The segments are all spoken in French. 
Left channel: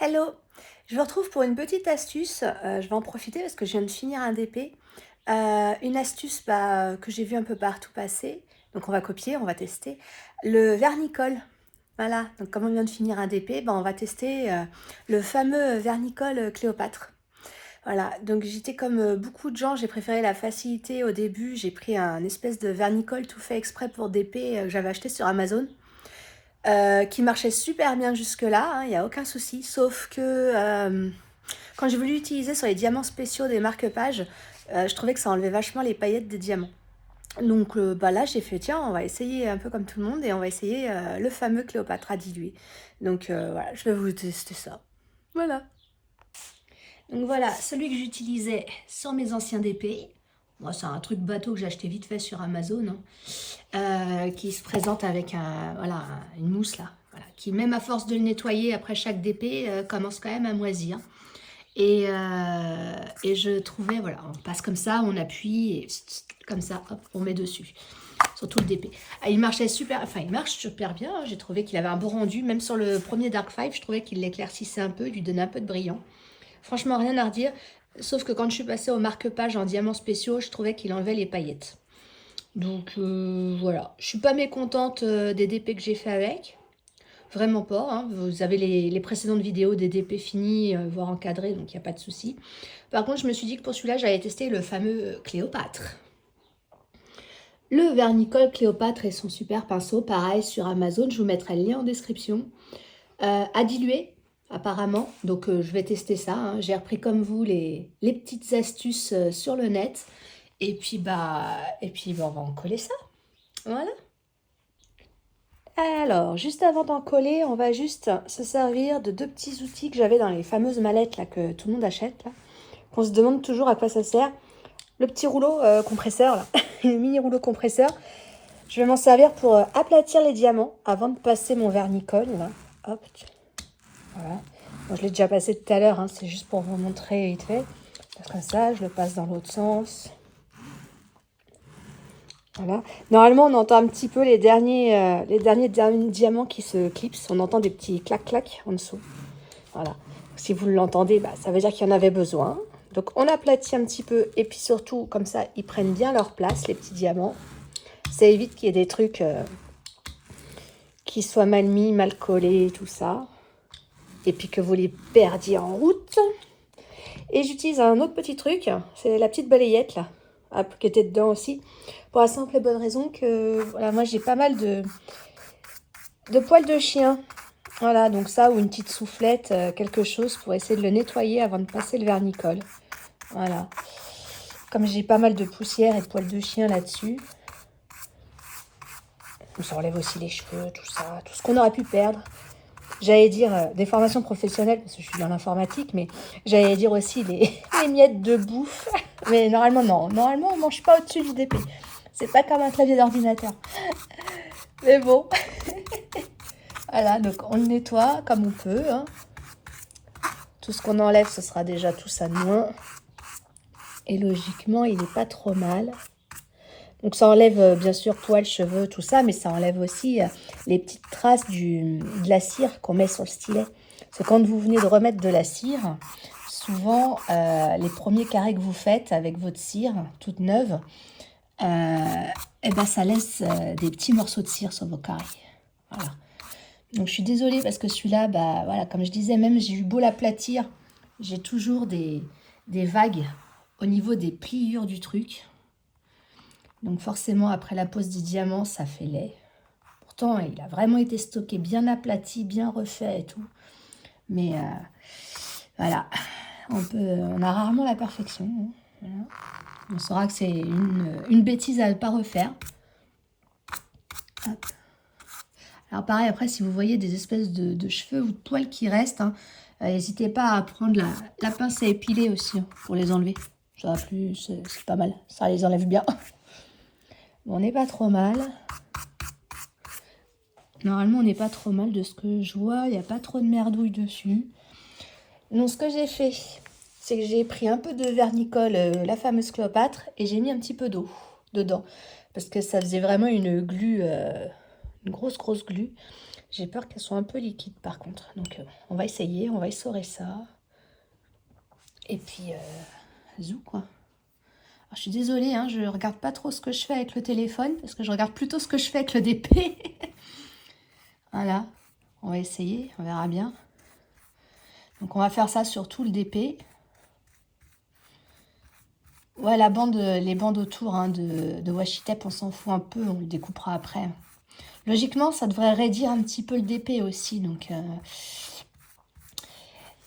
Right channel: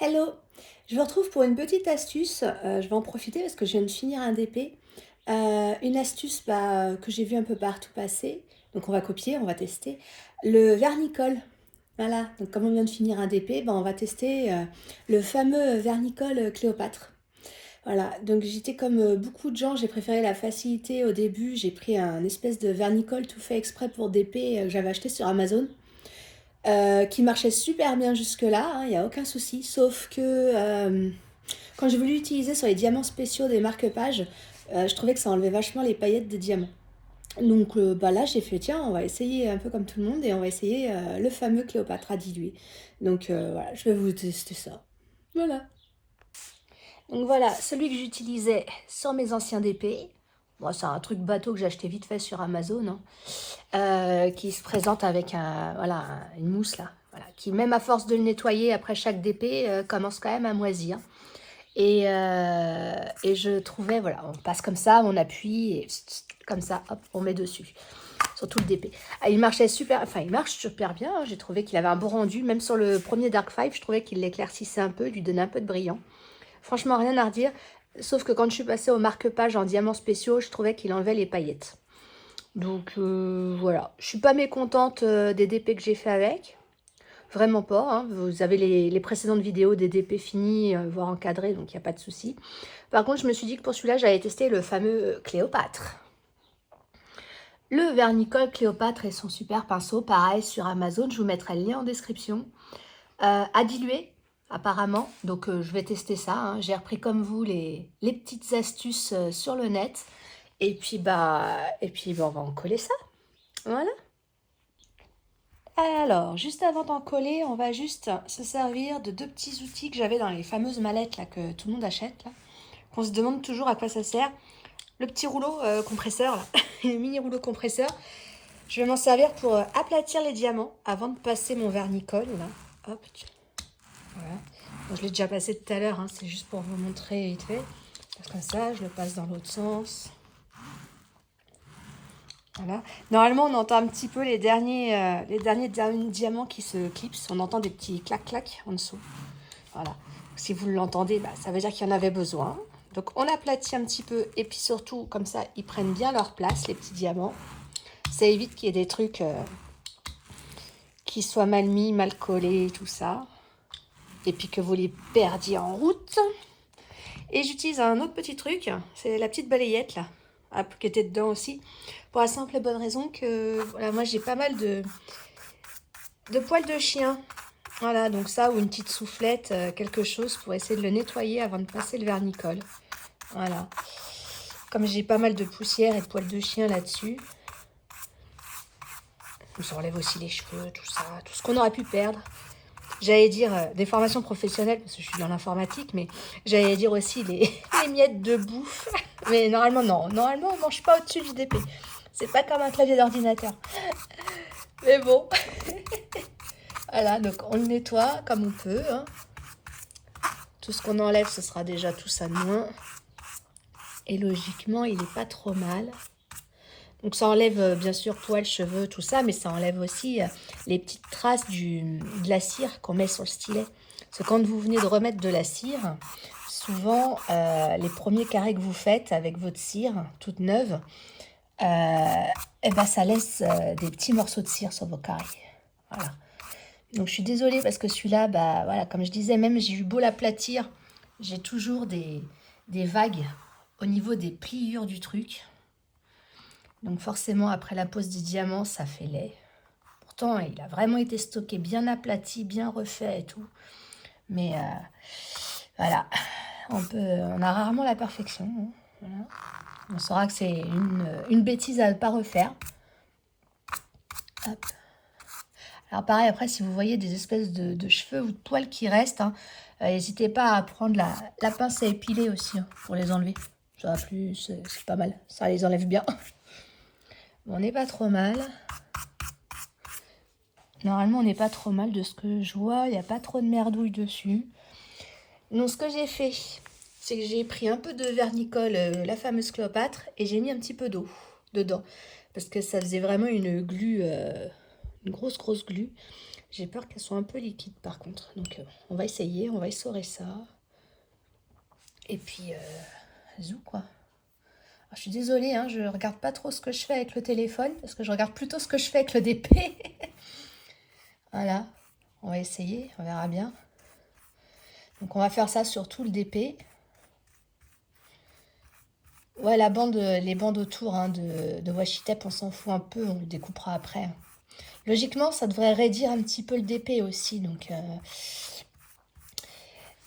Hello, je vous retrouve pour une petite astuce. Je vais en profiter parce que je viens de finir un DP. Une astuce que j'ai vu un peu partout passer. Donc on va copier, on va tester. Le vernicole. Voilà, donc comme on vient de finir un DP, on va tester le fameux vernicole Cléopâtre. Voilà, donc j'étais comme beaucoup de gens, j'ai préféré la facilité au début. J'ai pris un espèce de vernicole tout fait exprès pour DP que j'avais acheté sur Amazon. Qui marchait super bien jusque-là, hein, il n'y a aucun souci, sauf que quand j'ai voulu l'utiliser sur les diamants spéciaux des marque-pages, je trouvais que ça enlevait vachement les paillettes des diamants. Donc là, j'ai fait, tiens, on va essayer un peu comme tout le monde et on va essayer le fameux Cléopâtre à diluer. Donc voilà, je vais vous tester ça. Voilà. Donc voilà, celui que j'utilisais sur mes anciens DP. Bon, c'est un truc bateau que j'ai acheté vite fait sur Amazon, hein, qui se présente avec voilà, une mousse là, voilà, qui même à force de le nettoyer après chaque DP, commence quand même à moisir. Et je trouvais, voilà, on passe comme ça, on appuie, et comme ça, hop, on met dessus, sur tout le DP. Ah, il marchait super, enfin il marche super bien, hein. J'ai trouvé qu'il avait un beau rendu, même sur le premier Dark Five, je trouvais qu'il l'éclaircissait un peu, lui donnait un peu de brillant. Franchement, rien à redire, sauf que quand je suis passée au marque-page en diamants spéciaux, je trouvais qu'il enlevait les paillettes. Donc voilà, je suis pas mécontente des DP que j'ai fait avec. Vraiment pas, hein. Vous avez les précédentes vidéos des DP finis, voire encadrés, donc il n'y a pas de souci. Par contre, je me suis dit que pour celui-là, j'allais tester le fameux Cléopâtre. Le vernicole Cléopâtre et son super pinceau, pareil sur Amazon, je vous mettrai le lien en description. À diluer, apparemment, donc je vais tester ça, hein. J'ai repris comme vous les petites astuces sur le net. Et puis, on va en coller ça. Voilà. Alors, juste avant d'en coller, on va juste se servir de deux petits outils que j'avais dans les fameuses mallettes là, que tout le monde achète, là, qu'on se demande toujours à quoi ça sert. Le petit rouleau compresseur, là, le mini rouleau compresseur. Je vais m'en servir pour aplatir les diamants avant de passer mon vernicole. Là. Hop, voilà. Bon, je l'ai déjà passé tout à l'heure, hein, c'est juste pour vous montrer vite fait. Comme ça, je le passe dans l'autre sens. Voilà. Normalement, on entend un petit peu les derniers diamants qui se clipsent. On entend des petits clac-clac en dessous. Voilà. Si vous l'entendez, ça veut dire qu'il y en avait besoin. Donc, on aplatit un petit peu. Et puis surtout, comme ça, ils prennent bien leur place, les petits diamants. Ça évite qu'il y ait des trucs qui soient mal mis, mal collés, tout ça. Et puis que vous les perdiez en route. Et j'utilise un autre petit truc. C'est la petite balayette, là. Qui était dedans aussi, pour la simple et bonne raison que voilà, moi j'ai pas mal de poils de chien. Voilà, donc ça, ou une petite soufflette, quelque chose pour essayer de le nettoyer avant de passer le vernicole. Voilà. Comme j'ai pas mal de poussière et de poils de chien là-dessus. On s'enlève aussi les cheveux, tout ça, tout ce qu'on aurait pu perdre. J'allais dire des formations professionnelles, parce que je suis dans l'informatique, mais j'allais dire aussi les miettes de bouffe. Mais normalement, non. Normalement, on ne mange pas au-dessus du DP. C'est pas comme un clavier d'ordinateur. Mais bon. Voilà, donc on le nettoie comme on peut. Hein. Tout ce qu'on enlève, ce sera déjà tout ça de moins. Et logiquement, il n'est pas trop mal. Donc ça enlève bien sûr poils, cheveux, tout ça, mais ça enlève aussi les petites traces de la cire qu'on met sur le stylet. Parce que quand vous venez de remettre de la cire, souvent les premiers carrés que vous faites avec votre cire toute neuve, ça laisse des petits morceaux de cire sur vos carrés. Voilà. Donc je suis désolée parce que celui-là, voilà, comme je disais, même j'ai eu beau l'aplatir, j'ai toujours des vagues au niveau des pliures du truc. Donc forcément, après la pose du diamant, ça fait laid. Pourtant, il a vraiment été stocké, bien aplati, bien refait et tout. Mais voilà, on a rarement la perfection. Hein. Voilà. On saura que c'est une bêtise à ne pas refaire. Hop. Alors pareil, après, si vous voyez des espèces de cheveux ou de poils qui restent, hein, n'hésitez pas à prendre la pince à épiler aussi, hein, pour les enlever. Ça va plus, c'est pas mal. Ça les enlève bien. On n'est pas trop mal. Normalement, on n'est pas trop mal de ce que je vois. Il n'y a pas trop de merdouille dessus. Donc, ce que j'ai fait, c'est que j'ai pris un peu de vernicole, la fameuse Cléopâtre, et j'ai mis un petit peu d'eau dedans. Parce que ça faisait vraiment une glu, une grosse glu. J'ai peur qu'elles soient un peu liquides par contre. Donc on va essayer, on va essorer ça. Et puis, zou quoi. Alors, je suis désolée, hein, je regarde pas trop ce que je fais avec le téléphone, parce que je regarde plutôt ce que je fais avec le DP. Voilà, on va essayer, on verra bien. Donc on va faire ça sur tout le DP. Ouais, la bande, les bandes autour hein, de washi tape, on s'en fout un peu, on le découpera après. Logiquement, ça devrait raidir un petit peu le DP aussi, donc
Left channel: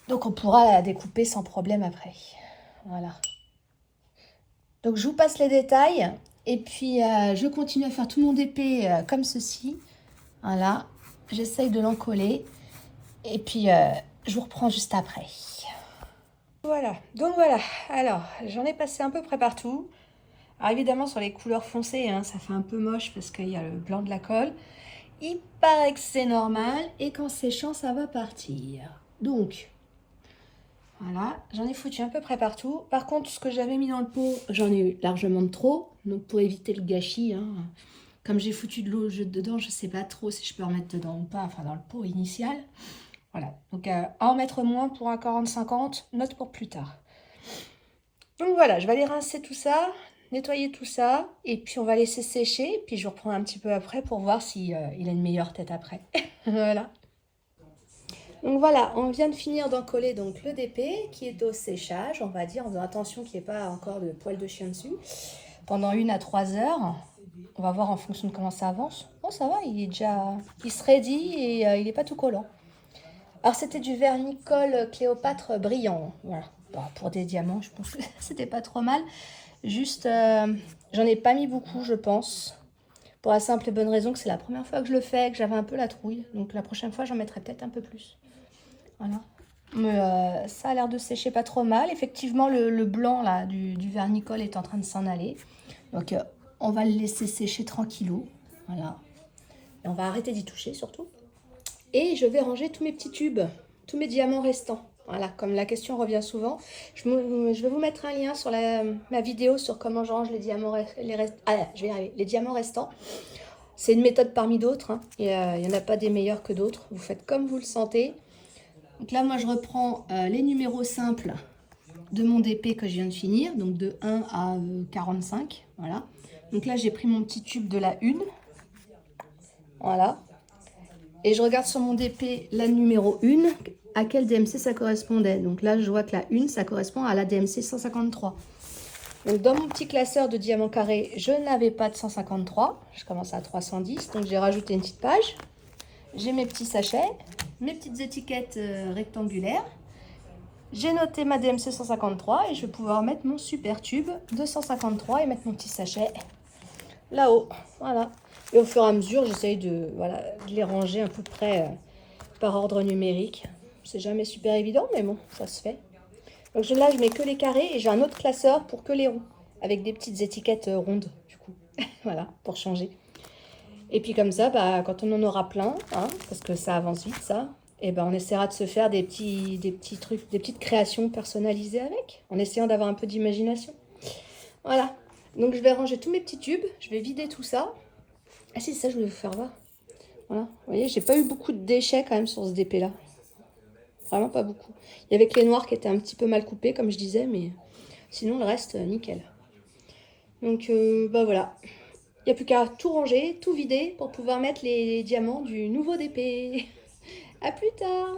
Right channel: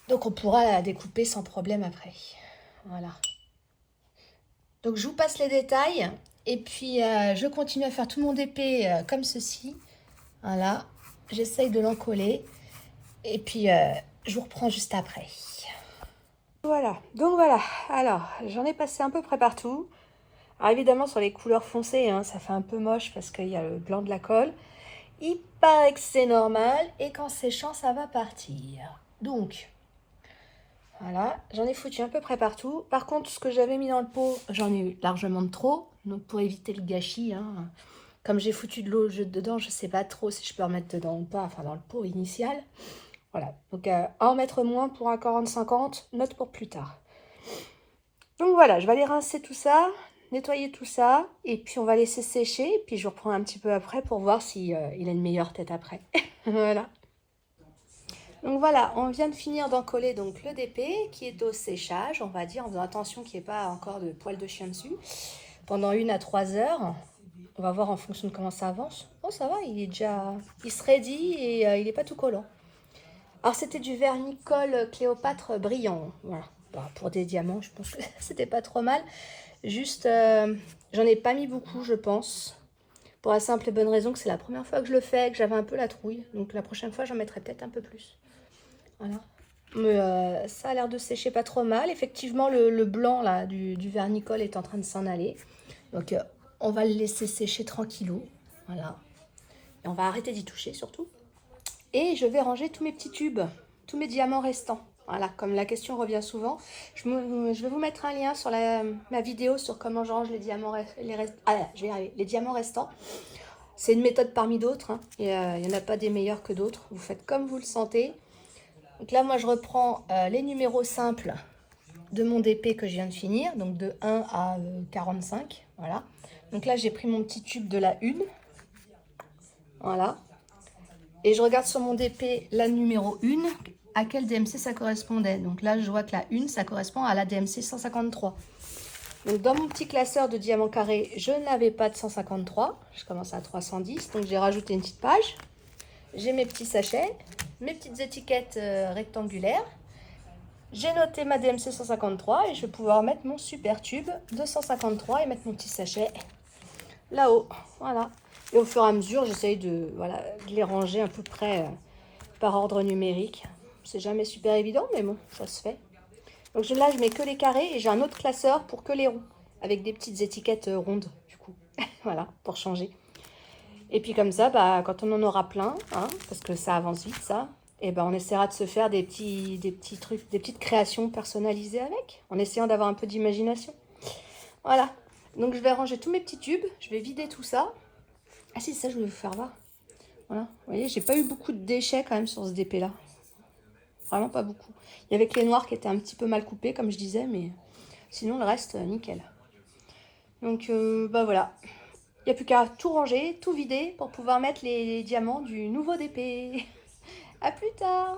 on pourra la découper sans problème après. Voilà. Donc je vous passe les détails, et puis je continue à faire tout mon DP comme ceci. Voilà, j'essaye de l'encoller, et puis je vous reprends juste après. Voilà, donc voilà, alors j'en ai passé un peu près partout. Alors évidemment sur les couleurs foncées, hein, ça fait un peu moche parce qu'il y a le blanc de la colle. Il paraît que c'est normal et qu'en séchant ça va partir. Donc voilà, j'en ai foutu à peu près partout. Par contre ce que j'avais mis dans le pot, j'en ai eu largement de trop. Donc pour éviter le gâchis, hein, comme j'ai foutu de l'eau dedans, je ne sais pas trop si je peux en mettre dedans ou pas, enfin dans le pot initial. Voilà, donc en mettre moins pour un 40-50, note pour plus tard. Donc voilà, je vais aller rincer tout ça, nettoyer tout ça, et puis on va laisser sécher, puis je reprends un petit peu après pour voir si il a une meilleure tête après. Voilà. Donc voilà, on vient de finir d'encoller donc le DP qui est au séchage, on va dire, en faisant attention qu'il n'y ait pas encore de poils de chien dessus, pendant 1 à 3 heures. On va voir en fonction de comment ça avance. Bon, ça va, il se raidit et il n'est pas tout collant. Alors c'était du vernis-colle Cléopâtre brillant, voilà. Bah, pour des diamants, je pense que c'était pas trop mal. Juste, j'en ai pas mis beaucoup, je pense. Pour la simple et bonne raison que c'est la première fois que je le fais, que j'avais un peu la trouille. Donc la prochaine fois, j'en mettrai peut-être un peu plus. Voilà. Mais ça a l'air de sécher pas trop mal. Effectivement, le blanc là, du vernis-colle est en train de s'en aller. Donc on va le laisser sécher tranquillou. Voilà. Et on va arrêter d'y toucher surtout. Et je vais ranger tous mes petits tubes, tous mes diamants restants. Voilà, comme la question revient souvent, je vais vous mettre un lien sur ma vidéo sur comment je range les diamants, les diamants restants. C'est une méthode parmi d'autres, hein. Il n'y en a pas des meilleurs que d'autres. Vous faites comme vous le sentez. Donc là, moi, je reprends les numéros simples de mon DP que je viens de finir, donc de 1 à 45. Voilà. Donc là, j'ai pris mon petit tube de la 1. Voilà. Et je regarde sur mon DP la numéro 1, à quel DMC ça correspondait. Donc là, je vois que la 1, ça correspond à la DMC 153. Donc dans mon petit classeur de diamants carrés, je n'avais pas de 153. Je commence à 310, donc j'ai rajouté une petite page. J'ai mes petits sachets, mes petites étiquettes rectangulaires. J'ai noté ma DMC 153 et je vais pouvoir mettre mon super tube de 153 et mettre mon petit sachet là-haut. Voilà. Et au fur et à mesure, j'essaye de les ranger à peu près par ordre numérique. C'est jamais super évident, mais bon, ça se fait. Donc là, je mets que les carrés et j'ai un autre classeur pour que les ronds, avec des petites étiquettes rondes, du coup. Voilà, pour changer. Et puis comme ça, bah, quand on en aura plein, hein, parce que ça avance vite, ça, et ben on essaiera de se faire des petits trucs, des petites créations personnalisées avec, en essayant d'avoir un peu d'imagination. Voilà. Donc je vais ranger tous mes petits tubes, je vais vider tout ça. Ah si, ça je voulais vous faire voir. Voilà, vous voyez, j'ai pas eu beaucoup de déchets quand même sur ce DP là. Vraiment pas beaucoup. Il y avait que les noirs qui étaient un petit peu mal coupés, comme je disais, mais sinon le reste, nickel. Donc bah voilà. Il n'y a plus qu'à tout ranger, tout vider pour pouvoir mettre les diamants du nouveau DP. À plus tard!